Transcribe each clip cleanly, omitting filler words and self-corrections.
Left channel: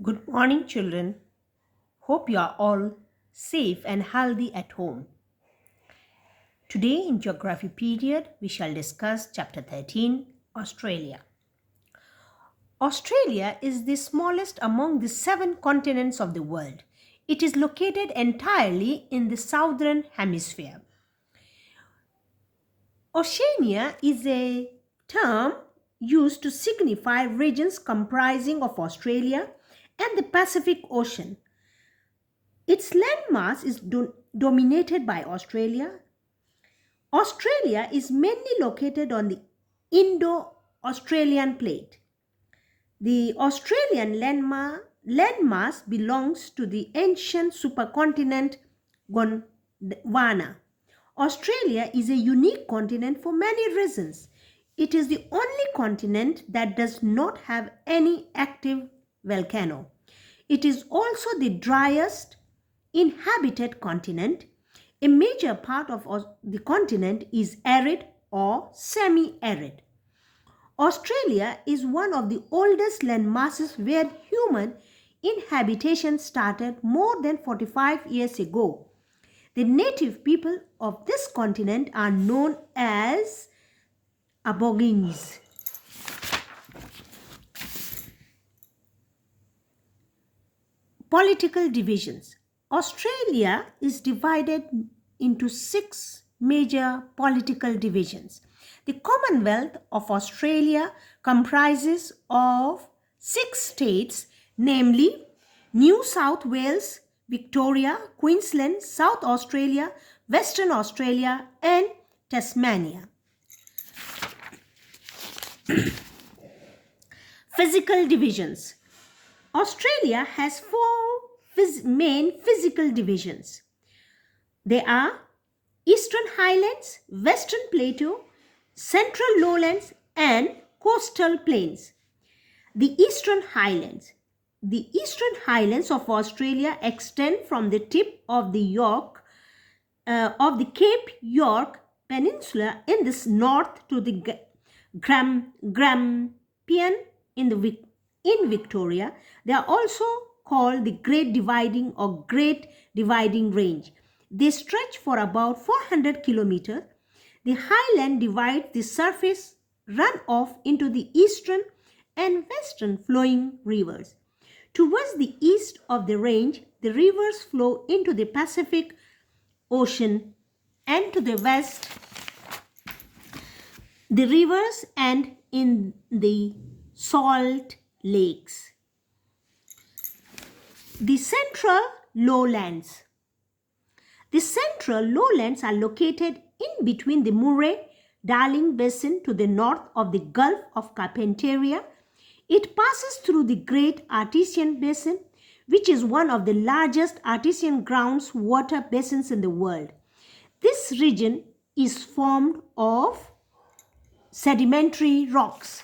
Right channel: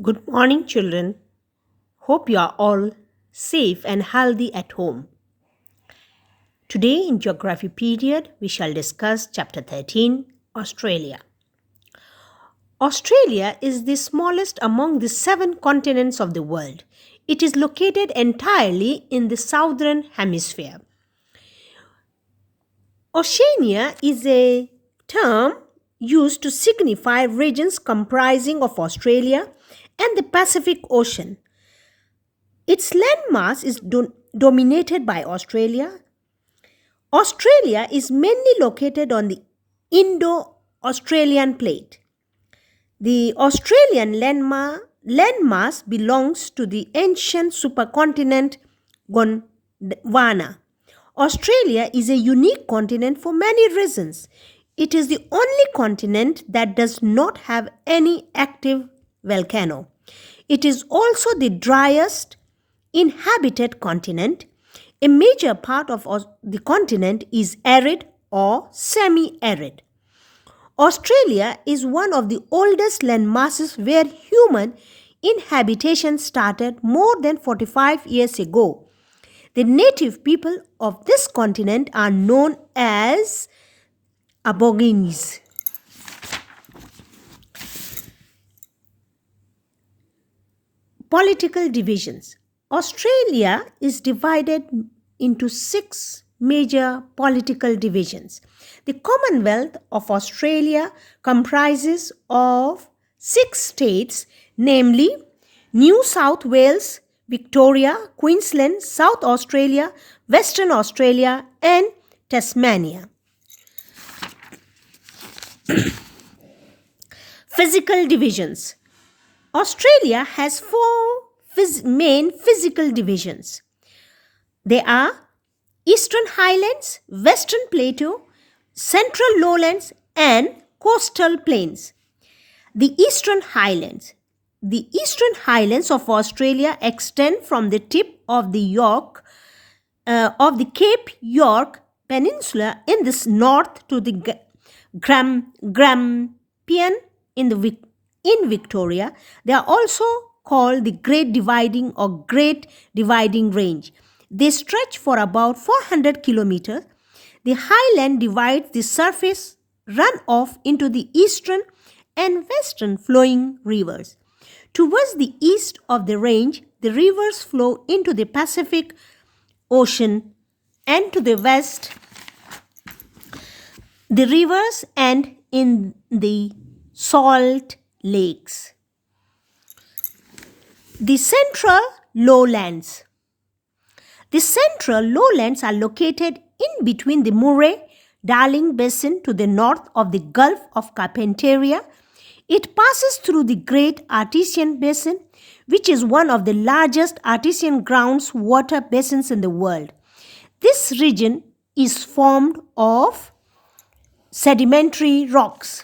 Good morning, children. Hope you are all safe and healthy at home. Today, in Geography period, we shall discuss Chapter 13 Australia. Australia is the smallest among the 7 continents of the world. It is located entirely in the southern hemisphere. Oceania is a term used to signify regions comprising of Australia and the Pacific Ocean. Its landmass is dominated by Australia. Australia is mainly located on the Indo-Australian plate. The Australian landmass belongs to the ancient supercontinent Gondwana. Australia is a unique continent for many reasons. It is the only continent that does not have any active volcano. It is also the driest inhabited continent. A major part of the continent is arid or semi-arid. Australia is one of the oldest landmasses where human inhabitation started more than 45 years ago. The native people of this continent are known as Aborigines. Political divisions. Australia is divided into 6 major political divisions. The Commonwealth of Australia comprises of 6 states, namely New South Wales, Victoria, Queensland, South Australia, Western Australia, and Tasmania. Physical divisions. Australia has 4 main physical divisions. They are Eastern Highlands, Western Plateau, Central Lowlands, and Coastal Plains. The Eastern Highlands. The Eastern Highlands of Australia extend from the tip of the Cape York Peninsula in the north to the Grampian in Victoria. They are also called the Great Dividing or Great Dividing Range. They stretch for about 400 kilometers. The highland divides the surface runoff into the eastern and western flowing rivers. Towards the east of the range, the rivers flow into the Pacific Ocean, and to the west, the rivers end in the salt lakes. The Central Lowlands. The Central Lowlands are located in between the Murray-Darling Basin to the north of the Gulf of Carpentaria. It passes through the Great Artesian Basin, which is one of the largest artesian groundwater basins in the world. This region is formed of sedimentary rocks.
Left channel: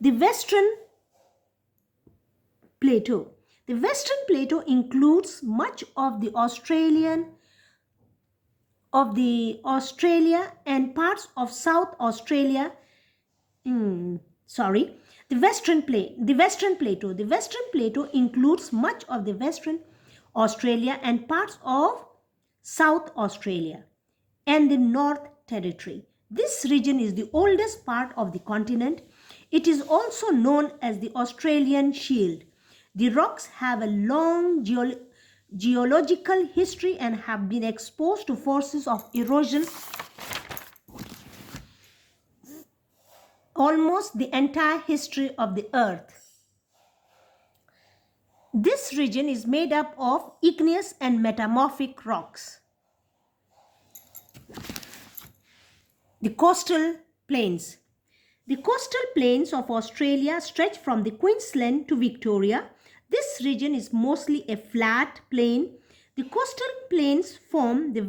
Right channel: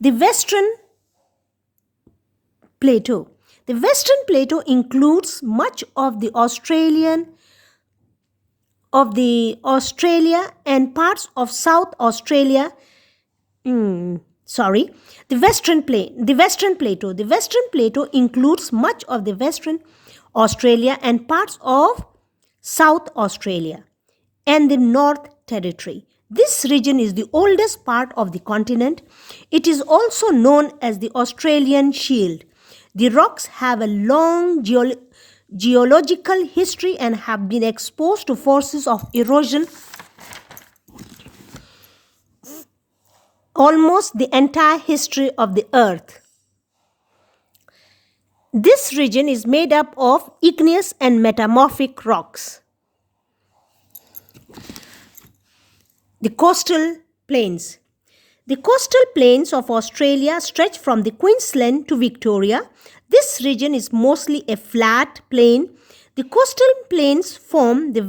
The Western Plateau. The Western Plateau includes much of the Australia and parts of South Australia. The Western Plateau. The Western Plateau includes much of the Western Australia and parts of South Australia and the North Territory. This region is the oldest part of the continent. It is also known as the Australian Shield. The rocks have a long geological history and have been exposed to forces of erosion almost the entire history of the earth. This region is made up of igneous and metamorphic rocks. The coastal plains. The coastal plains of Australia stretch from the Queensland to Victoria. This region is mostly a flat plain. The coastal plains form the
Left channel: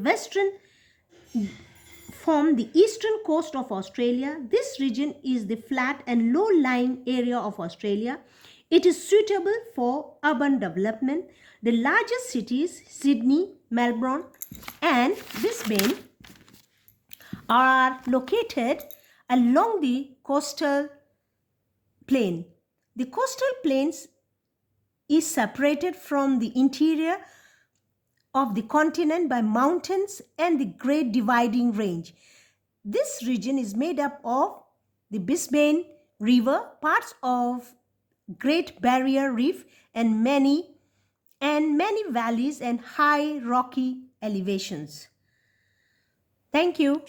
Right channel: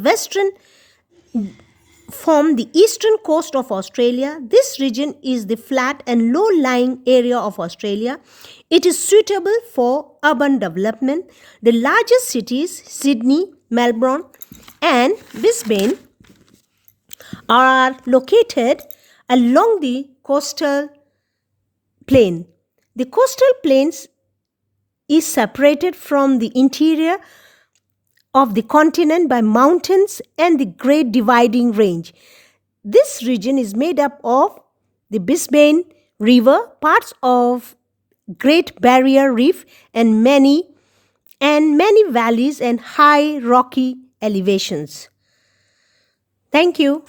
eastern coast of Australia. This region is the flat and low-lying area of Australia. It is suitable for urban development. The largest cities, Sydney, Melbourne, and Brisbane, are located along the coastal plain. The coastal plains is separated from the interior of the continent by mountains and the Great Dividing Range. This region is made up of the Brisbane River, parts of Great Barrier Reef, and many valleys and high rocky elevations. Thank you.